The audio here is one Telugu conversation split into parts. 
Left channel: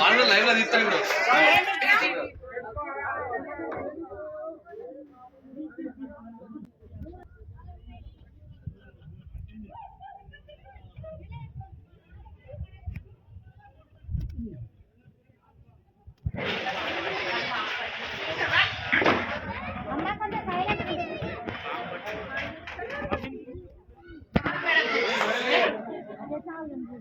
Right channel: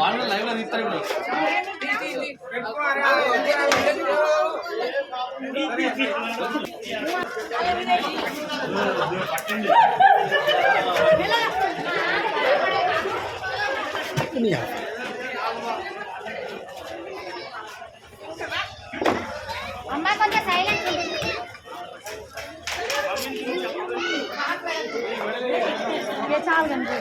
లైవ్ లో తీస్తారు అమ్మ కొంచెం సైలెంట్ చాలు కంటే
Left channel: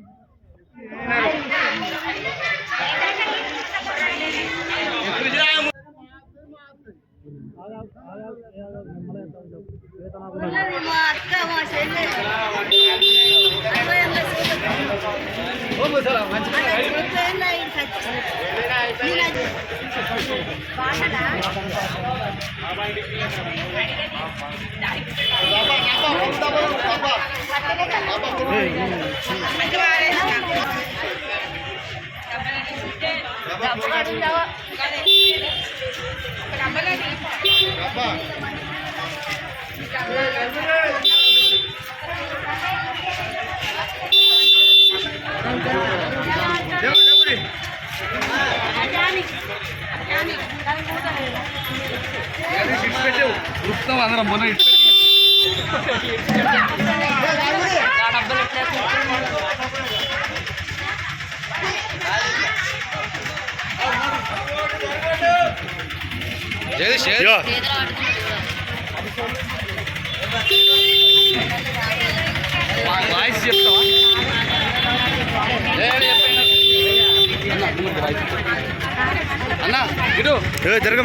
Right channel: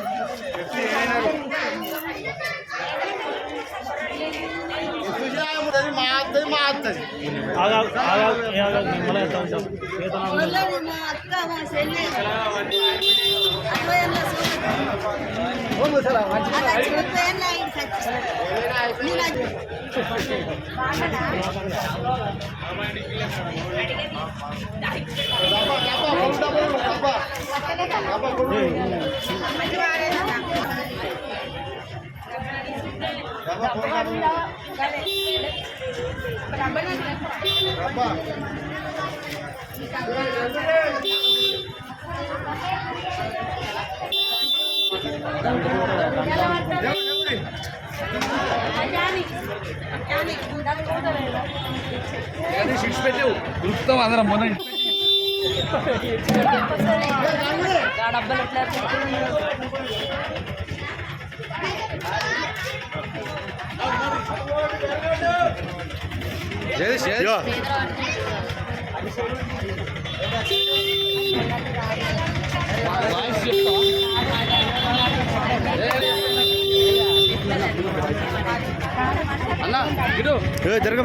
షిట్స్ పెట్టావు దొరుకుతాం అందరం మొన్న వాయిస్ చెప్తా జరగ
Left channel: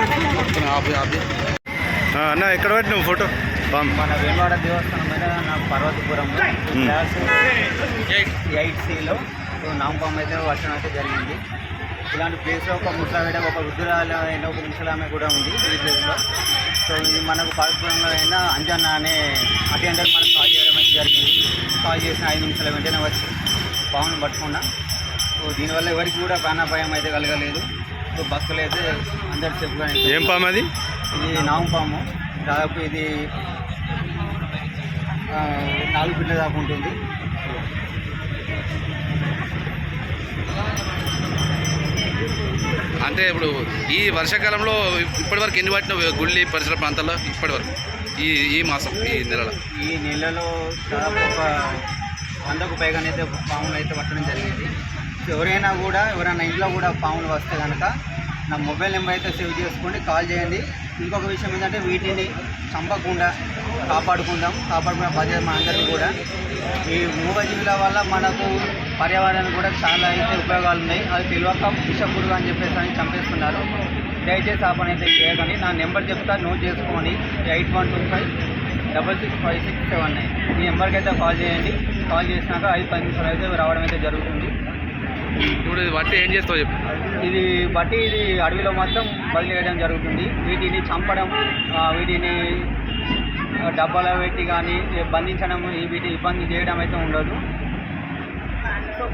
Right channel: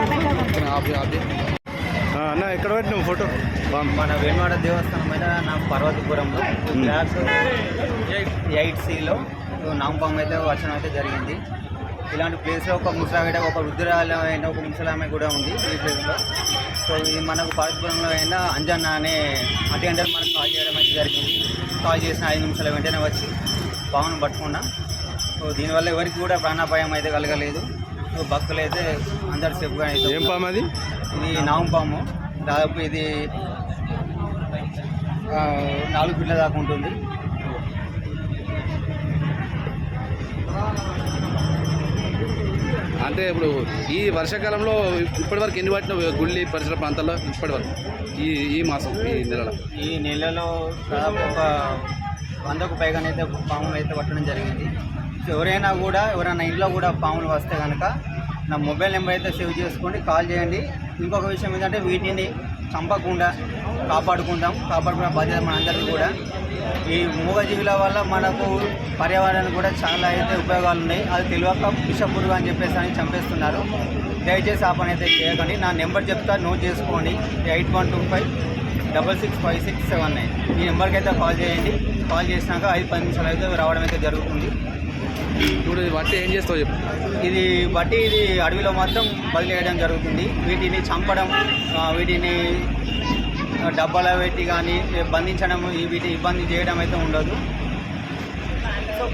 అన్న ఎక్కడ పెట్టినావు ఫోటో మన వేణువాడ దేవస్థానం మీద నాకు పర్వతపురంలో క్లాస్ 8Cలో నాంపం అయితే వర్షం అయితే జరిగింది. ఇలాంటి ప్లేస్లో ఒక ముసలావిడ ఒక వృద్ధురాలైన ఒక ముసలామె కూడా ఉంది ఈ ప్లేస్లో. సో ఇది మనకు పర్వతపురంలో అయినా అంజన్న అనే అటెండర్ మనకు కాల్ చేయడం అయితే జరిగింది. కాల్ చేసిన 5 నిమిషాల వెంటనే వచ్చి పామును పట్టుకున్నా. సో దీనివల్ల ఎవరికి కూడా ప్రాణాపాయం అయితే కలగలేదు. సో భక్తులు అయితే అందరు సేఫ్గా. ఏం పాము అది? ఇది నాగు పాము. దాదాపు ఇది 4 ఫీట్ల దాకా ఉంటుంది. అంటే ఇప్పుడు ఈ వర్షాకాలంలో ఇప్పటివరకు ఎన్ని పట్టిన గుళ్ళి పరిసర ప్రాంతాల్లో ఇప్పటివరకు ఈ మాసం ఈ నెలలో దాదాపు ఒక 100కు పైగానైతే పాములు అయితే పట్టడం జరిగింది. ఎవరైనా ఇంట్లో కూడా పాములు వస్తే కనుక నా మొబైల్ నెంబర్ అయితే సేవ్ చేసుకోండి, కాల్ చేయండి. ఇంకొక విషయం ఏంటంటే వీటిని చంపకుండా కాపాడుకునే బాధ్యత మన అందరికీ కూడా. ఈ మూగజీవుల వల్ల మనకు పర్యావరణానికి కూడా చాలా అయితే ఉపయోగాలు ఉన్నాయి. అది తెలియక విషపురుగు అని చెప్పేసి అని చంపేస్తున్నారు. దయచేసి ఆ పని అయితే చేయకండి. నా నెంబర్ చెప్తా, నోట్ చేసుకోండి. 8125665679. ఈ నెంబర్కి అయితే కాల్ చేయండి. కాల్ చేసినాక 5-10 నిమిషాలు అయితే రావడం అయితే జరుగుతుంది. ఇప్పుడు బట్టి ఏం చేస్తావు చెప్పు. ఇది అడవిలో మొత్తం వదిలేయడం జరుగుతుంది. వీటిని చంపడం, వీటిని డబ్బాలో పెట్టి కానీ బంధించడం, వీటిని ఇబ్బంది చేయడం అయితే ఉండదు. సో